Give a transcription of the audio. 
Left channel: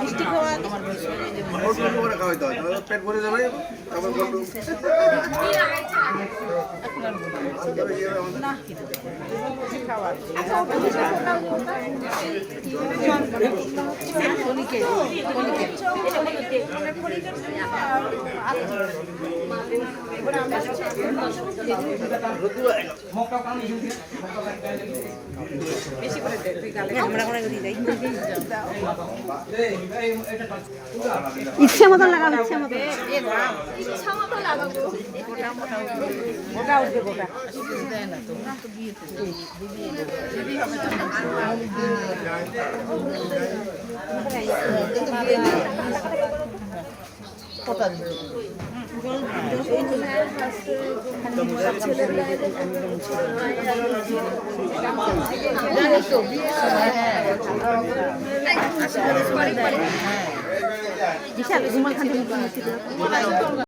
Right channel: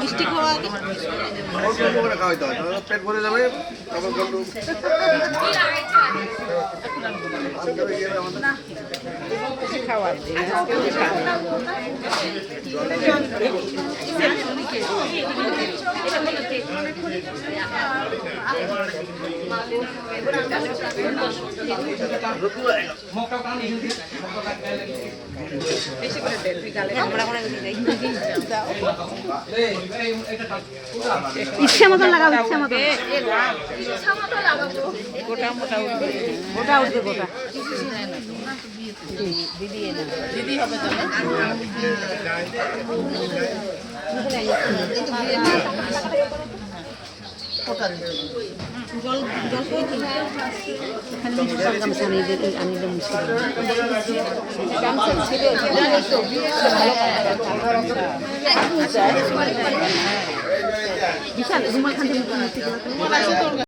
মিষ্টি খাওয়া খাওয়াইতে হয় পেট ভরে যাবে আবার বন্ধু ইচ্ছে মতো লাগাবো ইচ্ছে মতো লাগাবো বিশাল